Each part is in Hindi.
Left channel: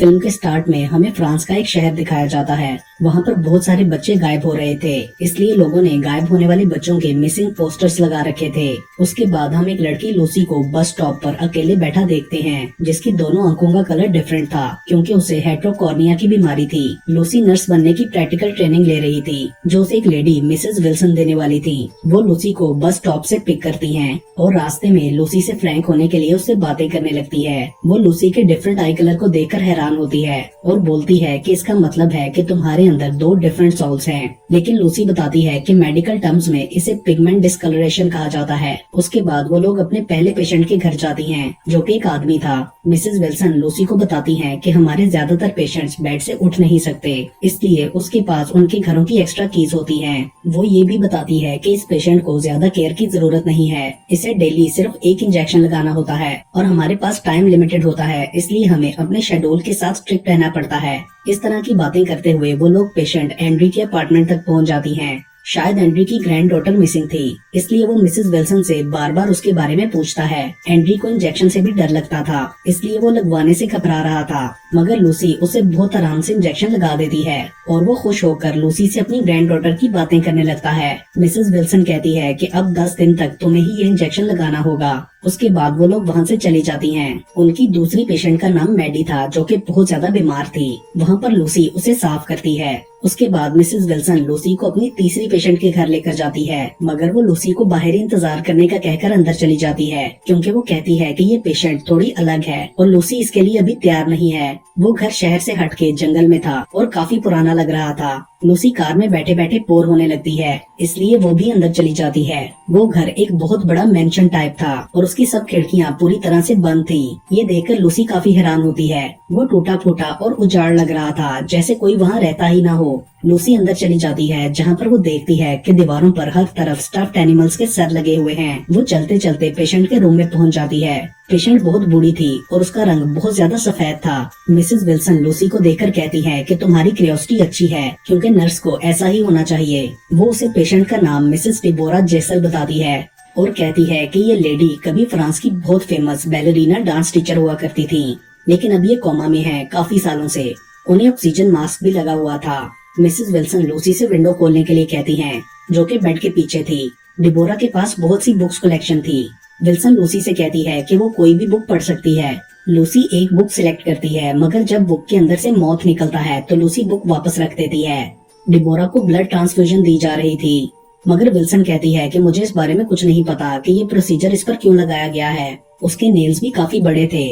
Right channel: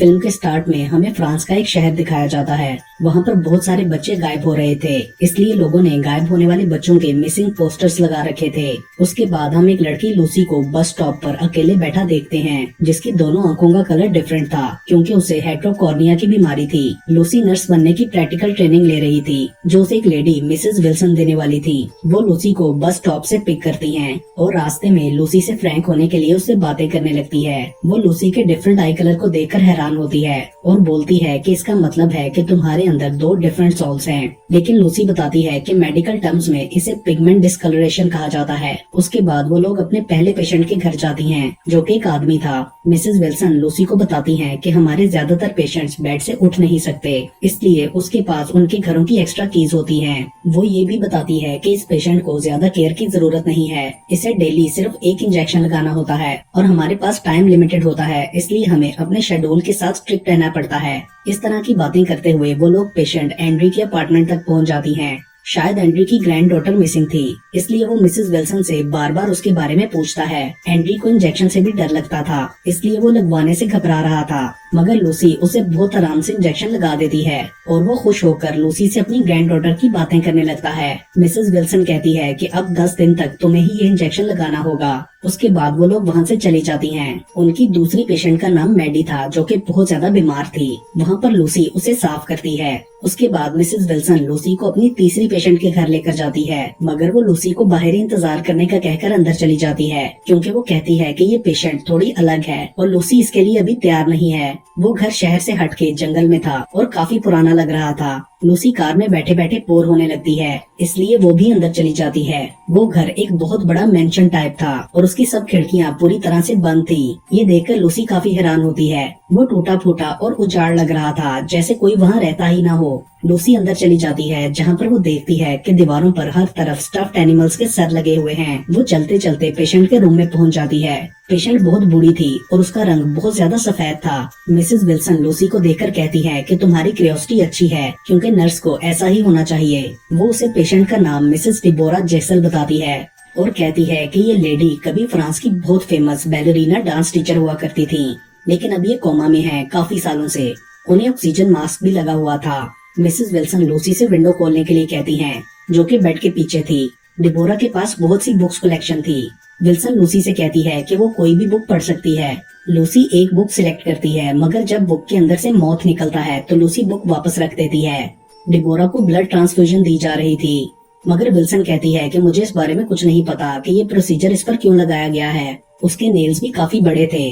फिल्म के स्टार्ट में हमें फ्रांस का एक शहर दिखाया जाता है। वहाँ पर बहुत सारे बच्चे गायब हो रहे थे, इसलिए लोगों ने गायब होने वाले बच्चों के मिसिंग पोस्टर्स लगा रखे थे। उसके बाद हम एक लड़की लूसी को बस स्टॉप पर अकेले बैठा देखते हैं, जिसकी दोनों आंखों का कलर डिफरेंट था क्योंकि उसे हेट्रोकॉर्निया की बीमारी थी। लूसी नर्स बनने की प्रैक्टिकल ट्रेनिंग ले रही थी, जो उसे एक लेडी मिसेस विल्सन देने वाली थी। वो लूसी को बस स्टॉप से पिक करती हैं और रास्ते में लूसी से फ्रैंक होने के लिए उससे बातें करने लगती है। वो लूसी के डिफरेंट आई कलर को देखकर हैरान होती है और बोलती है कि इसका मतलब है कि तुम्हारे अंदर दो डिफरेंट सोल्स हैं। लेकिन लूसी बताती है कि मेडिकल टर्म्स में इसे पिगमेंट डिस्कलरेशन कहा जाता है। उसके बाद वो लोग अपने पहले पेशेंट के घर जाती हैं, जो कि एक आदमी था। मिसेस विल्सन लूसी को बताती हैं कि हमारे ज्यादातर पेशेंट्स बेड से उठ नहीं सकते, इसलिए उसके पास उनके घरों की एक्स्ट्रा कीज होती हैं। वो ये भी बताती है कि इस पेशेंट को ज्यादा केयर की जरूरत नहीं है, इसे डेली सिर्फ एक इंजेक्शन लगाना होता है और हमारे पास टाइम लिमिटेड होता है, इसलिए हमें अपने शेड्यूल के साथ स्ट्रिक्ट रहना पड़ता है। इस तरह की बातें करते हुए वो लोग पेशेंट एंड्री के अपार्टमेंट तक पहुंच जाती हैं। शायद एंड्री की ग्रैंड डॉटर मिसिंग थी, इसलिए वो मिसेस विल्सन से बार बार उसके बारे में पूछता है। एंड्री को इंजेक्शन से भी डर लगता था, इसलिए वो लगवाने से घबरा रहा था, मगर लूसी उसे बहुत आराम से इंजेक्शन लगा देती है और वो खुश होकर लूसी से अपनी ग्रैंड डॉटर की बातें करने लगता है। मिसेस विल्सन कहती है कि अब 10 दिन तक तुम्हें ही ये इंजेक्शन लगाना होगा। उसके बाद वो लोग वहाँ से चली जाती हैं। उनकी दूसरी पेशेंट का नाम मैडी था, जो कि बहुत ज्यादा बीमार थी। वहाँ पर लूसी उसे साफ करती है। उसके बाद मिसेस विल्सन लूसी को अपनी तीसरी पेशेंट के घर लेकर जाती है, मगर वो लूसी को बाहर इंतजार करने का कहकर अंदर चली जाती है, क्योंकि वो कहती है कि ये पेशेंट थोड़ी अलग है और लूसी इसके लिए अभी तैयार नहीं है। वो घर शहर से हटके जंगल में था और काफी पुराना लग रहा था। लूसी कार में बैठे बैठे बोर होने लगती है, इसलिए वो भी अंदर चली जाती है। वो घर एक बहुत बड़ा मेंशन टाइप था और उसकी सब खिड़कियां पूरी तरह से बंद थी। ये देखकर लूसी काफी हैरान होती है। वो टूटा फूटा और उजाड़ लग रहा था, जैसे कोई वहाँ रहता ही ना हो। लूसी अंदर चली जाती है, जहाँ पर वो देखती है कि दीवारों पर हर तरफ स्टफ्ड एनिमल्स के सर लगे हुए हैं। वो चलते चलते पेशेंट के रूम में पहुँच जाती है। पेशेंट बहुत बूढ़ी थी और उसका रंग बहुत ज्यादा सफेद था। मिसेस विल्सन लूसी को देखकर कहती है कि तुम्हारी क्यूरियोसिटी अच्छी है, क्योंकि नर्स को ऐसा ही होना चाहिए। वो उसे पेशेंट का नाम मिसेस डिबोरा जेसल बताती है और कहती है कि ये लेडी कभी फ्रांस की बहुत फेमस बैलेरिना डांस टीचर हुआ करती थी, लेकिन अब ये कोमा में है काफी सालों से। उन्हें ऑक्सीजन मास्क भी लगा हुआ था। मिसेस विल्सन लूसी से विंडो खोलने के लिए कहती हैं, जो कि बेड के पीछे थी। डिबोरा के पास बहुत सी बुक्स कलेक्शन थी। विल्सन लूसी से कहती है कि वो कोई भी बुक पढ़ सकती है। लूसी एक बुक सिलेक्ट करती है, मगर जब बुक के अंदर से मौत निकलता है तो लूसी बुक वापस रख देती है। डिबोरा को ब्लड ट्रांसफ्यूजन दी जा रही थी, मगर विल्सन कहती है कि मुझे इस बारे में कुछ नहीं पता कि ये प्रोसीजर इस पर क्यों लगाया गया है। उसके नेल्स भी काफी बड़े थे।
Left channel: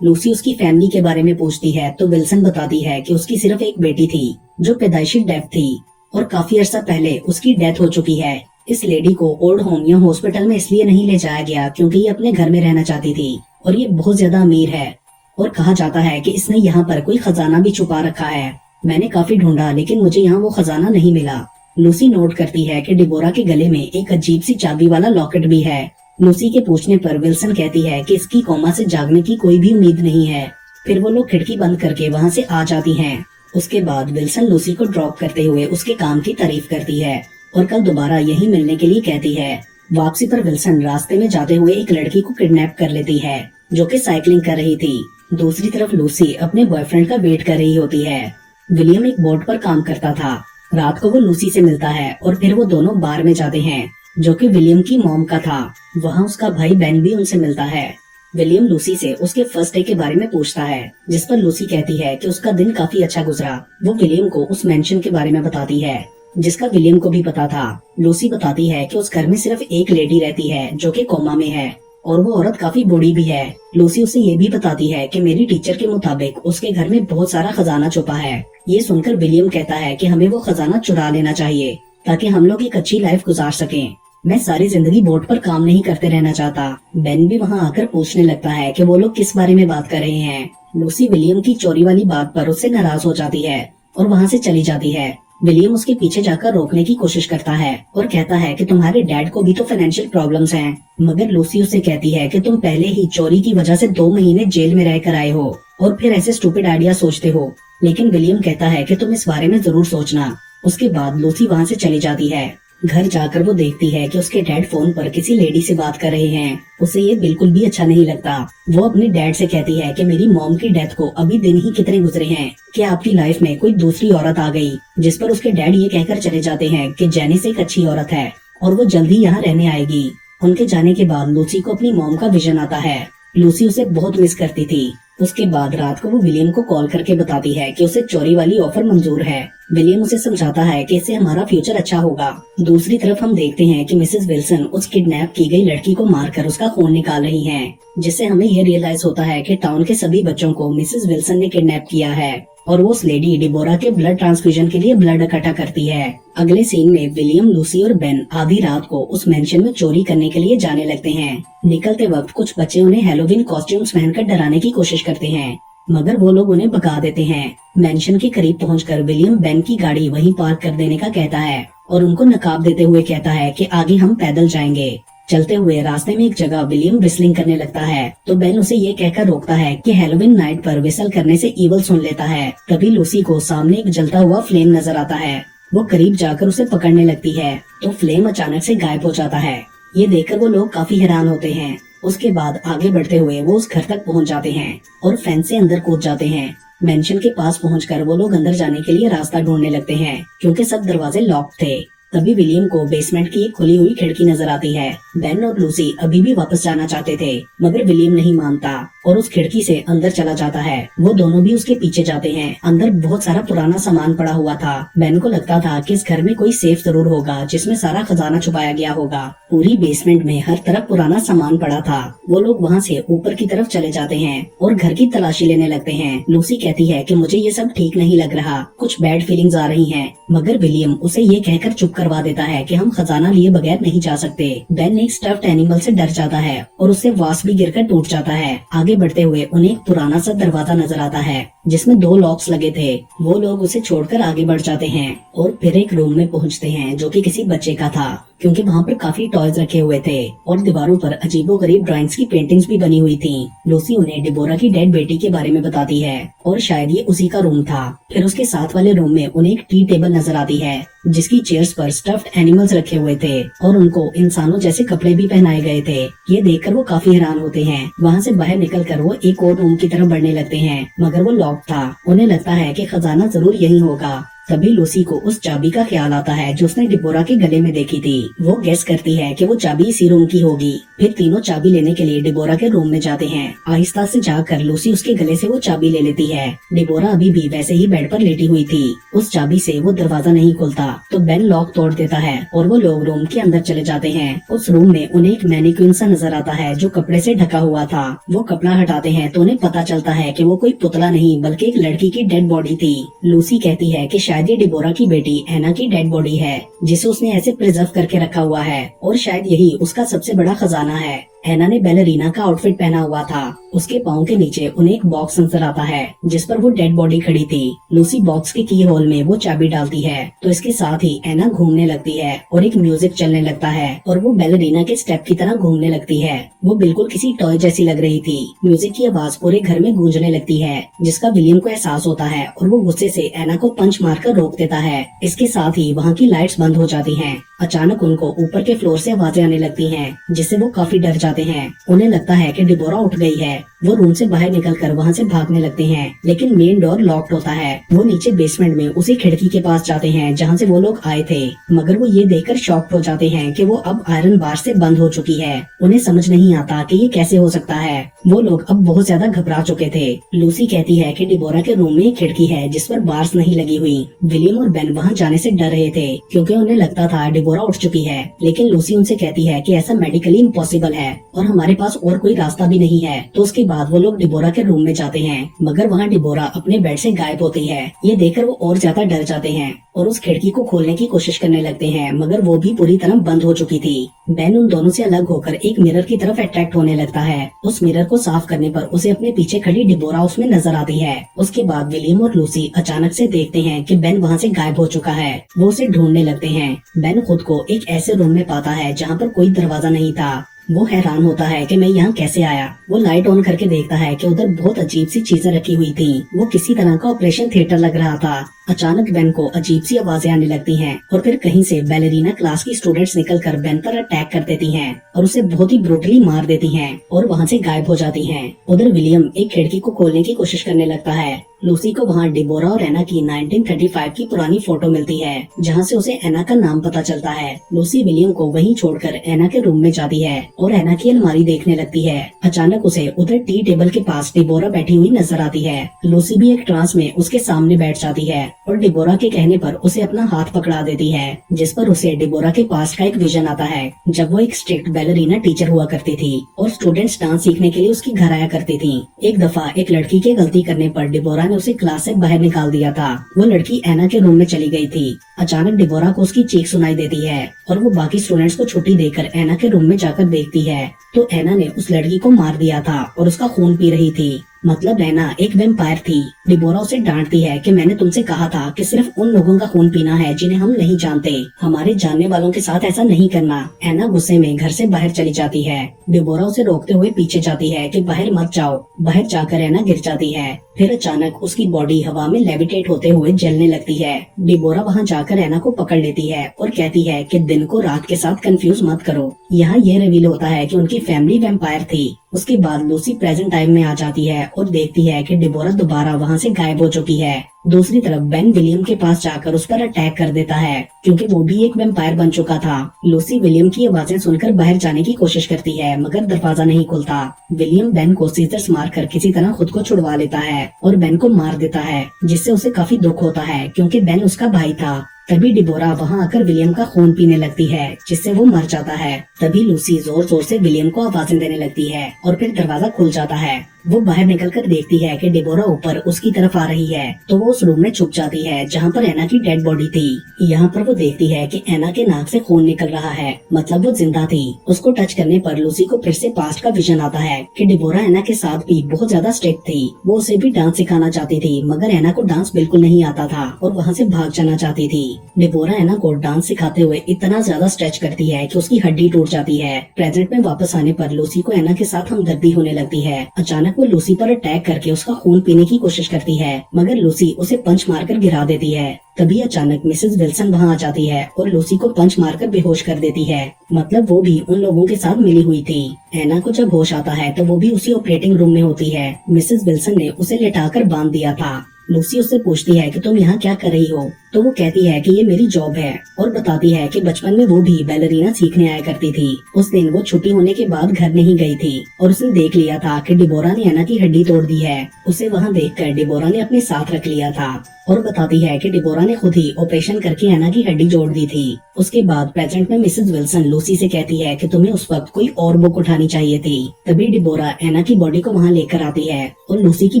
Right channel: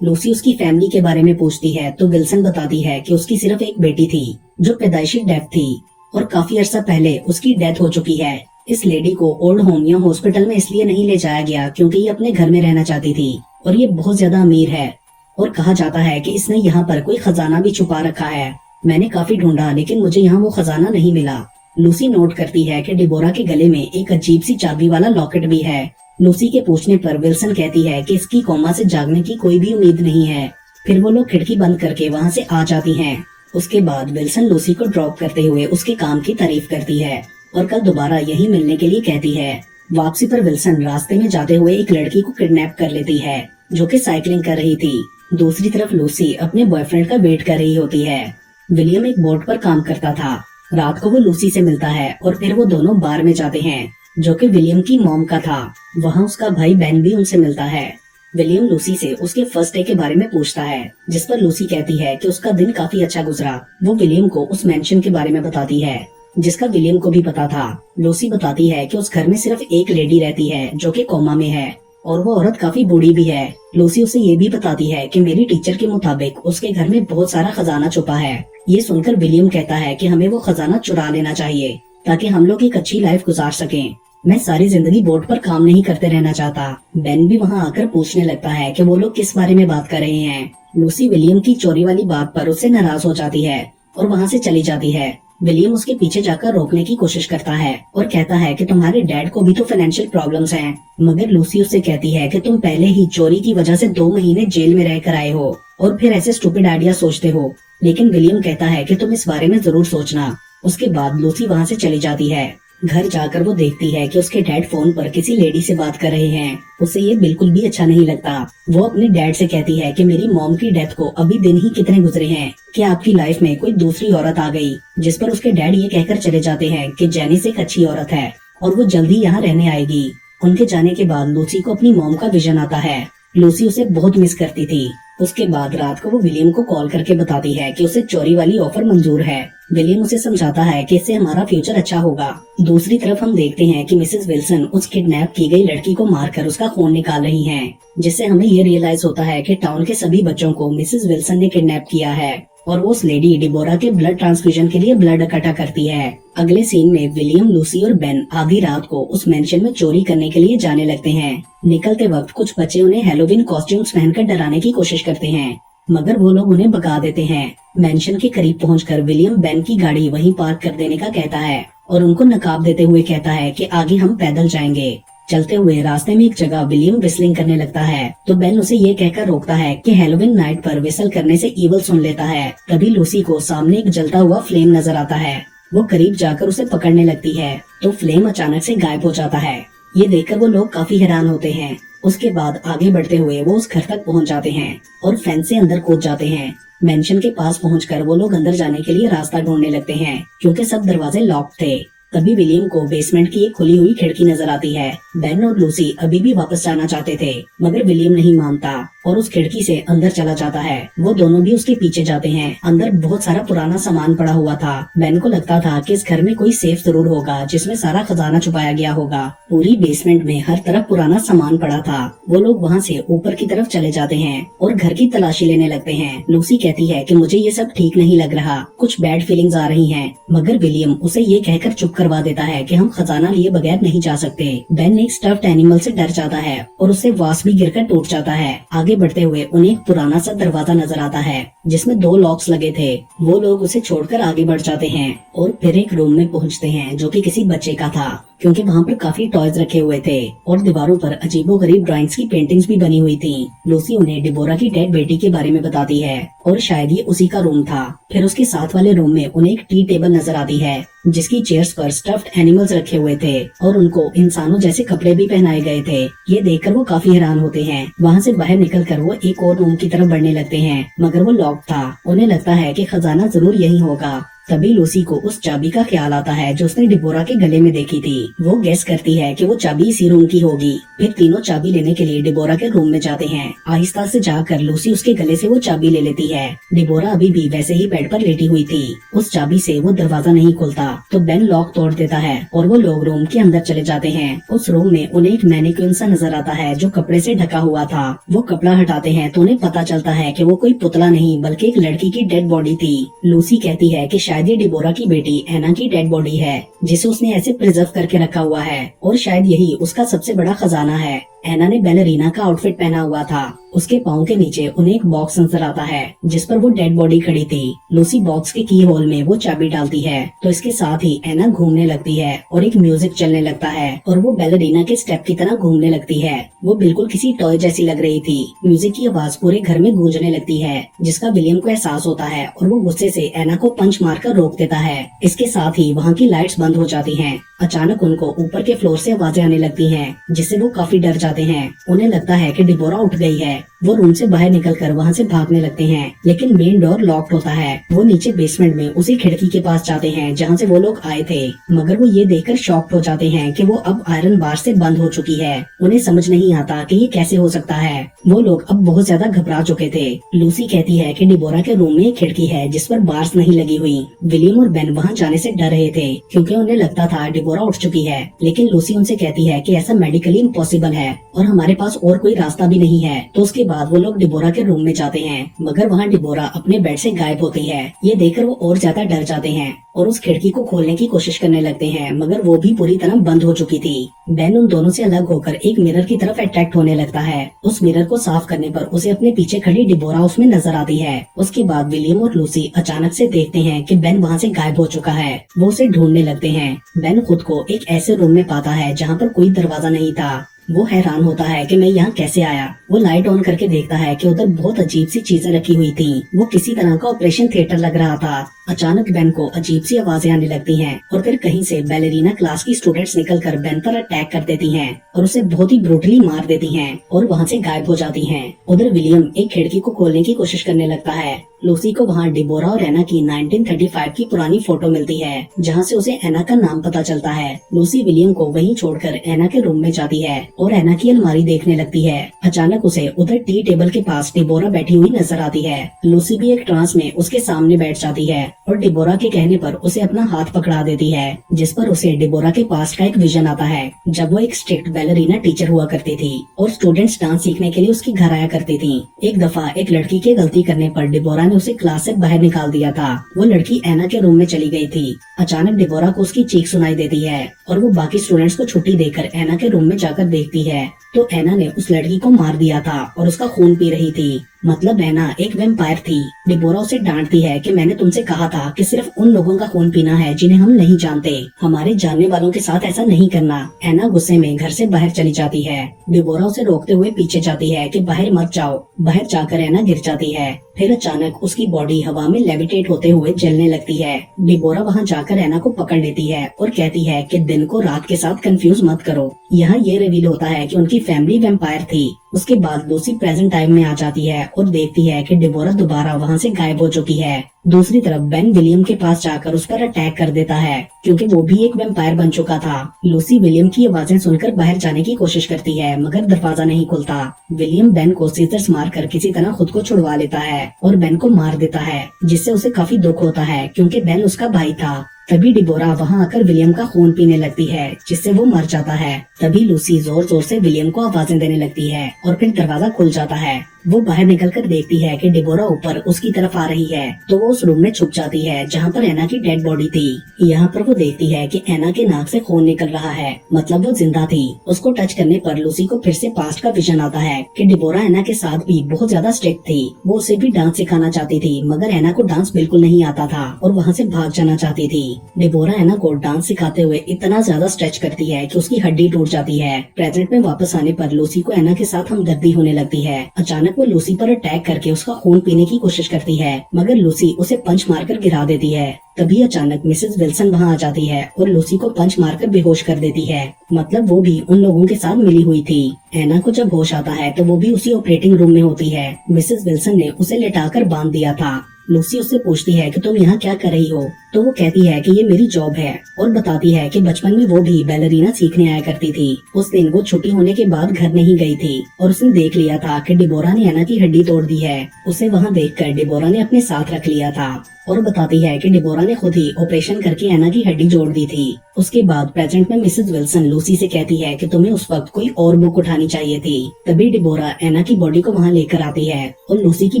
लूसी उसकी फैमिली के बारे में पूछती है तो विल्सन बताती है कि उसकी सिर्फ एक बेटी थी, जो पैदाइशी डेफ थी और काफी अर्सा पहले उसकी डेथ हो चुकी है। इस लेडी को ओल्ड होम या हॉस्पिटल में इसलिए नहीं ले जाया गया क्योंकि ये अपने घर में रहना चाहती थी और ये बहुत ज्यादा अमीर है और कहा जाता है कि इसने यहाँ पर कोई खजाना भी छुपा रखा है। मैंने काफी ढूंढा, लेकिन मुझे यहाँ वो खजाना नहीं मिला। लूसी नोट करती है कि डिबोरा के गले में एक अजीब सी चाबी वाला लॉकेट भी है। लूसी के पूछने पर विल्सन कहती है कि इसकी कोमा से जागने की कोई भी उम्मीद नहीं है। फिर वो लोग खिड़की बंद करके वहाँ से आ जाती हैं। उसके बाद विल्सन लूसी को ड्रॉप करते हुए उसके काम की तारीफ करती है और कल दोबारा यही मिलने के लिए कहती है। वापसी पर विल्सन रास्ते में जाते हुए एक लड़की को किडनैप कर लेती है, जो कि साइकिलिंग कर रही थी। दूसरी तरफ लूसी अपने बॉयफ्रेंड का वेट कर रही होती है। विलियम एक बोट पर काम करता था। रात को वो लूसी से मिलता है और फिर वो दोनों बार में जाते हैं, जो कि विलियम की मॉम का था। वहाँ उसका भाई बेन भी उनसे मिलता है। विलियम लूसी से उसके फर्स्ट डे के बारे में पूछता है, जिस पर लूसी कहती है कि उसका दिन काफी अच्छा गुजरा। वो विलियम को उस मेंशन के बारे में बताती है, जिसका विलियम को भी पता था। लूसी बताती है कि उस घर में सिर्फ एक लेडी रहती है, जो कि कोमा में है और वो औरत काफी बूढ़ी भी है। लूसी उसे ये भी बताती है कि मेरी टीचर के मुताबिक उसके घर में बहुत सारा खजाना छुपा है। ये सुनकर विलियम कहता है कि हमें वो खजाना चुरा लेना चाहिए, ताकि हम लोग एक अच्छी लाइफ गुजार सकें। मैं सारी जिंदगी बोट पर काम नहीं करते रहना चाहता। बेन भी वहाँ आकर पूछने लगता है कि वो लोग किस बारे में बात कर रहे हैं। लूसी विलियम की चोरी वाली बात पर उससे नाराज हो जाती है और वहाँ से चली जाती है। विलियम उसके पीछे जाकर रोकने की कोशिश करता है और कहता है कि तुम्हारे डैड को भी तो फाइनेंशियल प्रॉब्लम्स हैं। मगर लूसी उससे कहती है कि तुम पहले ही चोरी की वजह से 2 महीने जेल में रहकर आए हो और फिर ऐसे स्टूपिड आइडिया सोचते हो। लेकिन विलियम कहता है कि तुम इस बारे में जरूर सोचना। उसके बाद लूसी वहाँ से चली जाती है। घर जाकर वो देखती है कि उसके डैड फोन पर किसी लेडी से बात कर रहे हैं। उसे ये बिल्कुल भी अच्छा नहीं लगता। वो अपने डैड से कहती है कि मेरी मॉम की डेथ को अभी दिन ही कितने गुजरे हैं कि आपकी लाइफ में कोई दूसरी औरत आ गई। जिस पर उसके डैड ये कहकर चले जाते हैं कि जेनिस एक अच्छी औरत है और वो जल्द ही यहाँ रहने आएगी। उनके जाने के बाद लूसी को अपनी मॉम का विजन आता है। लूसी उसे बहुत मिस करती थी। उसके बाद रात को वो विलियम को कॉल करके बताती है कि उसे चोरी वाली ऑफर मंजूर है। विलियम उसे समझाता है कि इससे हमारा फ्यूचर अच्छा होगा। दूसरी तरफ हम देखते हैं कि मिसेस विल्सन उस किडनैप की गई लड़की को मारकर उसका खून निकाल रही हैं, जिससे हमें ये रियलाइज होता है कि टाउन के सभी बच्चों को मिसेस विल्सन ने किडनैप किया है और वो उस लेडी डिबोरा के ब्लड ट्रांसफ्यूजन के लिए ब्लड इकट्ठा करती है। अगले सीन में विलियम, लूसी और बेन आधी रात को उस मेंशन में चोरी करने के लिए जाने लगते हैं। निकलते वक्त कुछ बच्चे उन्हें हैलोवीन कॉस्ट्यूम्स पहनकर डराने की कोशिश करते हैं, मगर वो लोग उन्हें भगा देते हैं। मेंशन के करीब पहुंचकर विलियम बेन की गाड़ी वहीं पार्क कर देने का कहता है और उनको नकाब देते हुए कहता है कि आगे हम पैदल जाएंगे। चलते हुए रास्ते में एक जगह विलियम विस्लिंग करने लगता है तो बेन उसे ये कहकर रोकता है कि हैलोवीन नाइट पर विसल करने से ईवल सुन लेता है। तभी लूसी को सामने एक जलता हुआ फ्लेम नजर आता है। वो करीब जाकर उसे पकड़ने लगती है तो फ्लेम अचानक से गायब हो जाता है। ये देखकर वो लोग काफी हैरान होते हैं। उसके बाद आगे बढ़ते हुए वो उस घर तक पहुंच जाते हैं और फेंस से अंदर कूद जाते हैं। मेंशन के पास पहुंचकर वो लोग अंदर जाने के लिए रास्ता ढूंढने लगते हैं क्योंकि सब दरवाजे लॉक थे। तभी विलियम को बेसमेंट की एक खुली हुई खिड़की नजर आती है। बेन और लूसी अभी भी वापस जाना चाहते थे, मगर विलियम नहीं मानता और उस खिड़की से अंदर चला जाता है। वो दोनों भी उसके पीछे जाते हैं। अंदर बहुत सारा पुराना सामान पड़ा हुआ था। बेन को लगता था कि इस घर में कोई सेफ जरूर होगा जिसमें सारा खजाना छुपाया गया होगा। पूरी बेसमेंट में हर तरफ पुराना सामान पड़ा था। वो लोग वहाँ से ऊपर की तरफ चले जाते हैं और घर की तलाशी लेने लगते हैं। लूसी कहती है कि मुझे ये सब ठीक नहीं लग रहा, कुछ बैड फीलिंग्स आ रही हैं, मगर विलियम उसे ये कहकर चुप करवा देता है कि हम खजाना लिए बगैर नहीं जा सकते। बेन एक स्टफ्ड एनिमल से डर जाता है और उससे वास भी गिरकर टूट जाता है। आगे बढ़ते हुए उन्हें एक पुराना सा दरवाजा नजर आता है जिसमें 2 लॉक्स लगे थे। वो लोग उसे छोड़कर आगे बढ़ जाते हैं और फिर एक रूम में पहुंचते हैं जो कि किसी बच्चे का था, क्योंकि वहाँ पर काफी टॉयज रखे हुए थे और दीवारों पर अजीबोगरीब ड्राइंग्स की पेंटिंग्स भी बनी हुई थी। लूसी उन्हें डिबोरा की डेड बेटी के बारे में बताती है और शायद ये उसी का रूम था। फिर उसके साथ वाले रूम में उन्हें एक टी टेबल नजर आती है जिसकी चेयर्स पर स्टफ्ड एनिमल्स रखे हुए थे और उनको इंसानों जैसे कपड़े भी पहनाए गए थे। ये देखकर वो काफी हैरान होते हैं। वहाँ से बाहर निकलकर वो एक और रूम की तरफ बढ़ने लगते हैं, मगर वो लॉक था। उन्हें लगता है कि खजाना जरूर यही होगा। तभी लूसी को उस चाबी का ख्याल आता है जो उसने डिबोरा के गले में देखी थी। वो गेस करती है कि वो चाबी इसी रूम की होगी। फिर तीनों चाबी लेने के लिए डिबोरा के रूम में जाते हैं। आहिस्ता से जाकर लूसी उसके गले से वो चाबी ले लेती है। डिबोरा अभी भी वैसे ही बेड पर लेटी हुई थी। उस चाबी से वो दरवाजा नहीं खुलता तो बेन लॉक तोड़ देता है और वो लोग रूम के अंदर चले जाते हैं। उस रूम में उन्हें एक मैनिक्विन सा नजर आता है जो कपड़े से ढका हुआ था। वो कपड़ा हटाते हैं तो उन्हें पता चलता है कि वो कोई पुतला नहीं बल्कि एक लड़की की डेड बॉडी थी। लूसी कहती है कि शायद ये डिबोरा की बेटी एना की डेड बॉडी है जिसे उसने ऐसे प्रिजर्व करके रखा हुआ है और शायद यही उसका सबसे बड़ा खजाना है। एना ने बैलरीना का आउटफिट पहना हुआ था। उसके पाँव के नीचे उन्हें एक बॉक्स नजर आता है जिस पर वो डेड बॉडी खड़ी थी। लूसी बॉक्स के की होल में वो चाबी डालती है तो इसके साथ ही एना घूमने लगती है और एक म्यूजिक चलने लगता है और वो बैलरीना के स्टेप की तरह घूमने लगती है। वो बिल्कुल किसी टॉय जैसी लग रही थी। म्यूजिक की आवाज पूरे घर में गूंजने लगती है जिसका विलियम को एहसास होता है और वो गुस्से से एना को पंच मारकर रोक देता है। इसके साथ ही वहाँ की लाइट्स बंद हो जाती हैं। अचानक उनको ऊपर के फ्लोर से आवाजें आने लगती हैं जिससे वो काफी डर जाते हैं। उन्हें लगता है कि डिबोरा उठ गई है। वो रूम से बाहर निकलकर वहाँ से भागने लगते हैं, लेकिन मेन डोर लॉक्ड होता है। वो नीचे बेसमेंट में उसी खिड़की के पास जाते हैं जहाँ से वो लोग आए थे, मगर वो ये देखकर शॉक्ड हो जाते हैं कि वो अब आयरन बार से बंद हो चुकी है। उन्हें समझ नहीं आता कि ये कैसे हो सकता है। वो लोग अब बहुत ज्यादा घबरा चुके थे। लूसी कहती है कि डिबोरा के रूम में एक खिड़की है जिस पर बार्स नहीं लगी हुई। विलियम और बेन वहाँ जाने से डर रहे थे क्योंकि उन्हें लगता था डिबोरा उठ चुकी है, लेकिन लूसी उनसे कहती है कि ऐसा मेडिकली इम्पॉसिबल है और हमारे पास और कोई रास्ता भी नहीं है। तो उसके बाद वो लोग डिबोरा के रूम में जाते हैं, मगर वहाँ डिबोरा अपने बेड से गायब होती है। ये देखकर वो और ज्यादा डर जाते हैं और उस खिड़की को खोलने की कोशिश करने लगते हैं, मगर वो भी पूरी तरह बंद हो चुकी थी। बेन उन दोनों से अलग होकर एक मिरर की तरफ अट्रैक्ट होने लगता है। उस मिरर को साफ करने पर उसे अपने पीछे खड़ी डिबोरा उसमें नजर आती है। उसके बाद विलियम और लूसी अचानक से देखते हैं कि बेन वहाँ से गायब हो चुका है। वो उसे ढूंढने लगते हैं। बेन खुद को एक ऐसे रूम में पाता है जहाँ पर कोई दरवाजा नहीं था। वो हैरान होता है कि मैं यहाँ कैसे आया। वो लाइट ऑन करके देखता है कि उधर बहुत अजीब सी चीजें रखी हुई थी। वो किसी तरह का ऑपरेशन थिएटर लग रहा था। अचानक बेन को अजीब सी आवाजें आने लगती हैं और फिर कहीं से बैलेरिना क्लास की स्टूडेंट्स निकलकर बेन पर अटैक कर देती हैं और उसे बहुत ही ब्रूटली मार देती हैं और वहाँ से गायब हो जाती हैं। उधर विलियम एक खिड़की को खोलने की कोशिश करने लगता है। लूसी को वहाँ डिबोरा और एना की 1935 की पुरानी फोटो मिलती है, जहाँ से उसे एना का नाम पता चलता है। लूसी विलियम को वहीं छोड़कर एना के रूम में जाती है और एना की अलमारी देखने लगती है। अचानक उसे उधर टी टेबल के पास डिबोरा बैठी हुई नजर आती है। लूसी भी एक ट्रांस में उसके सामने बैठ जाती है और डिबोरा के कहने पर उसे अपना हाथ पकड़ा देती है, जिस पर उसे डिबोरा के पास्ट का एक विजन आता है जब वो एक स्ट्रिक्ट बैलेरिना टीचर हुआ करती थी और स्टूडेंट्स डांस सीखने के लिए उसके घर आया करती थी। एक दफा एक लड़की के गलती करने पर डिबोरा ने उसे क्लास से बाहर निकाल दिया था। वो लड़की एना के रूम में चली गई थी। अचानक डिबोरा को उसकी चीख सुनाई देती है और वो बाकी स्टूडेंट्स को छुट्टी देकर एना के रूम में जाकर देखती है तो एना ने उस लड़की को मार दिया था और उसका खून पी रही थी। मतलब एना एक वैम्पायर थी। डिबोरा उसे डांटती है कि मैंने तुमसे कहा था कि सिर्फ उन लोगों का खून पीना है जिन्हें हम नहीं जानते, हमारे जानने वालों के साथ ऐसा नहीं करना। एना गुस्से में घर से बाहर चली जाती है। डिबोरा उसे रोकते हुए पीछे जाती है कि बाहर मत जाओ। बाहर जाकर एना गिर जाती है। फिर अचानक उसकी बॉडी हवा में लेविटेट होते हुए जलने लगती है। डिबोरा वहाँ जाकर एना को पकड़ लेती है और कहती है कि दिन को रात के साथ कंफ्यूज मत करो। यहाँ ये रिवील होता है कि उनकी फैमिली वैम्पायर थी। उसके बाद लूसी प्रेजेंट टाइम में आ जाती है और देखती है कि डिबोरा दोबारा वहाँ से गायब हो चुकी है। दूसरी तरफ बेन विलियम के पास जाकर उस पर अटैक कर देता है क्योंकि वो भी एक वैम्पायर बन चुका था। लूसी विलियम की आवाजें सुनकर बाहर जाने की कोशिश करती है मगर दरवाजा नहीं खुलता। विलियम बेन को सीजर्स मारकर किसी तरह खुद को छुड़वा लेता है और बेन को मार देता है, जिससे उसे काफी दुख होता है क्योंकि बेन उसका भाई था। तभी डिबोरा वहाँ आकर विलियम का खून पीने लगती है जिससे वो मर जाता है। तभी लूसी जोर जोर से विलियम को आवाजें देने लगती है और फिर दरवाजा खुल जाता है। वो बाहर निकलकर देखती है कि डिबोरा ऊपर उसकी तरफ आ रही है तो वो उस रूम में छुप जाती है जहाँ पर एना की डेड बॉडी थी। यहाँ पर वो देखती है कि एना के नाक से खून निकल रहा है, मतलब वो जिंदा थी। उसको टच करने पर लूसी को फिर से पास्ट का विजन आता है कि डिबोरा एना के साथ भी बहुत ज्यादा स्ट्रिक्ट थी। वो उसे भी डांस सिखाना चाहती थी मगर एना को डांस बिल्कुल नहीं आता था और वहाँ से भाग जाना चाहती थी। डिबोरा एना को डांस सिखाते हुए इतना ज्यादा स्ट्रेच करती है कि उसकी हड्डी टूट जाती है। प्रेजेंट में वापस आने पर लूसी को एना के साथ हमदर्दी होने लगती है। अचानक वो लूसी पर अटैक करके उसका खून पीने की कोशिश करती है मगर लूसी उसे पंच मारकर गिरा देती है। तभी अचानक मिसेस विल्सन वहाँ आ जाती है और लूसी को पंच मारकर बेहोश कर देती है। मतलब वो भी उन लोगों के साथ मिली हुई थी। एना को जब होश आता है तो वो भी उसी ऑपरेटिंग रूम में होती है। मिसेस विल्सन ने उसे लिटाकर बांध दिया था। लूसी उससे पूछती है कि तुम यहाँ क्या कर रही हो, तो वो कहती है कि ये मेरी जॉब है और बताती है कि बचपन में वो भी बैलेरिना सीखने आया करती थी। उस दिन वो छुट्टी होने के बाद घर नहीं गई थी और उसने देख लिया था कि डिबोरा ने एना की हड्डी तोड़ दी है। उसे वहाँ देखकर डिबोरा ने अपने साथ रख लिया था और बताती है कि डिबोरा ने खुद ही ऑपरेशन करके एना की हड्डी जोड़ दी थी। उसके बाद प्रेजेंट में मिसेस विल्सन लूसी से कहती है कि तुम्हें उस वक्त कोई और बुक उठानी चाहिए थी। तभी डिबोरा एना की बॉडी को वहाँ लेकर आती है और लूसी की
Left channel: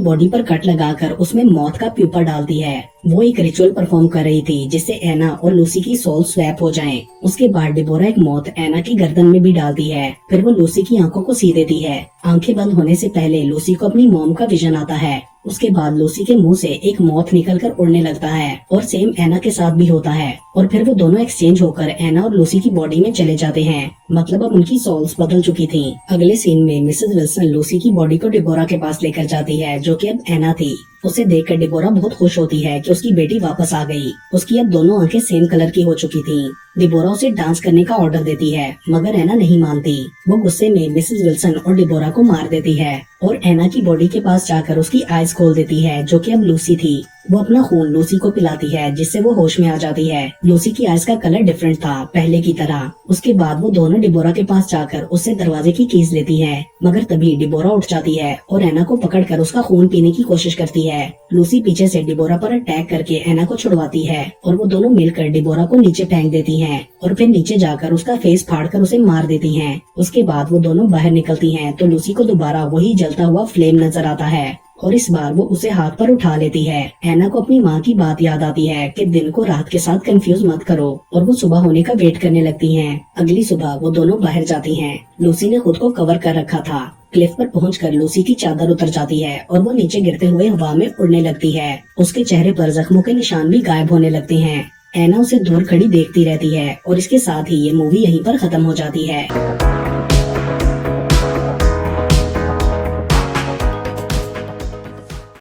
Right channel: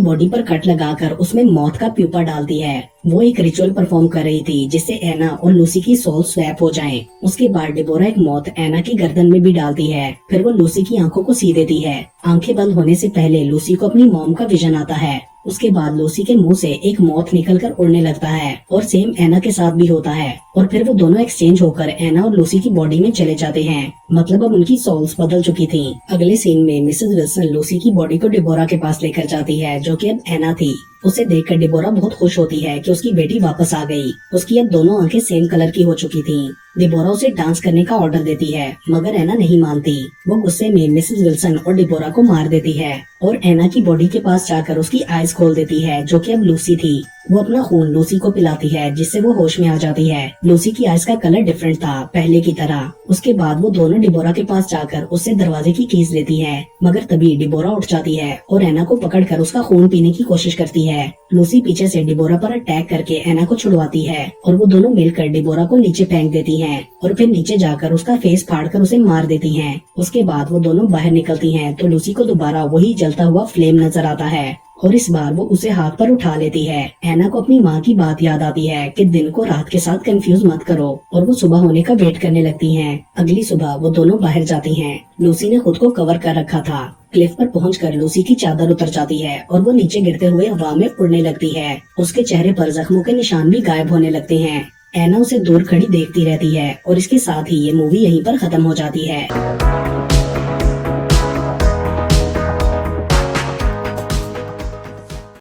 बॉडी पर कट लगाकर उसमें मौत का प्यूपा डालती है। वो एक रिचुअल परफॉर्म कर रही थी जिससे एना और लूसी की सोल स्वैप हो जाएं। उसके बाद डिबोरा एक मौत एना की गर्दन में भी डालती है। फिर वो लूसी की आंखों को सी देती है। आंखें बंद होने से पहले लूसी को अपनी मॉम का विजन आता है। उसके बाद लूसी के मुंह से एक मौत निकलकर उड़ने लगता है और सेम एना के साथ भी होता है और फिर वो दोनों एक्सचेंज होकर एना और लूसी की बॉडी में चले जाते हैं। मतलब अब उनकी सोल्स बदल चुकी थी। अगले सीन में मिसेस विल्सन लूसी की बॉडी को डिबोरा के पास लेकर जाती है जो कि अब एना थी। उसे देखकर डिबोरा बहुत खुश होती है कि उसकी बेटी वापस आ गई। उसकी अब दोनों आंखें सेम कलर की हो चुकी थी। डिबोरा उसे डांस करने का ऑर्डर देती है मगर एना नहीं मानती। वो गुस्से में मिसेस विल्सन और डिबोरा को मार देती है और एना की बॉडी के पास जाकर उसकी आईज खोल देती है जो कि अब लूसी थी। वो अपना खून लूसी को पिलाती है जिससे वो होश में आ जाती है। लूसी की आईज का कलर डिफरेंट था पहले की तरह। उसके बाद वो दोनों डिबोरा के पास जाकर उससे दरवाजे की कीज लेती हैं मगर तभी डिबोरा उठ जाती है और एना को पकड़कर उसका खून पीने की कोशिश करती है। लूसी पीछे से डिबोरा पर अटैक करके एना को छुड़वाती है और वो दोनों मिलकर डिबोरा को नीचे फेंक देती हैं और फिर नीचे जाकर उसका फेस फाड़कर उसे मार देती हैं। उसके बाद वो दोनों बाहर निकलती हैं तो लूसी को दोबारा वही जलता हुआ फ्लेम नजर आता है और इस बार वो उसे हाथ पर उठा लेती है। एना को अपनी माँ की बात याद आती है कि दिन को रात के साथ कंफ्यूज मत करो और वो सुबह होने का वेट करने लगती हैं। अगली सुबह वो दोनों बाहर जाती हैं। लूसी ने खुद को कवर कर रखा था। क्लिफ पर पहुंचकर लूसी की चादर उतर जाती है और वो नीचे गिरते हुए हवा में उड़ने लगती है। उसके चेहरे पर जख्मों के निशान भी गायब होने लगते हैं। एना उसे दूर खड़ी देखती रहती है और इसके साथ ही ये मूवी यहीं पर खत्म हो जाती है।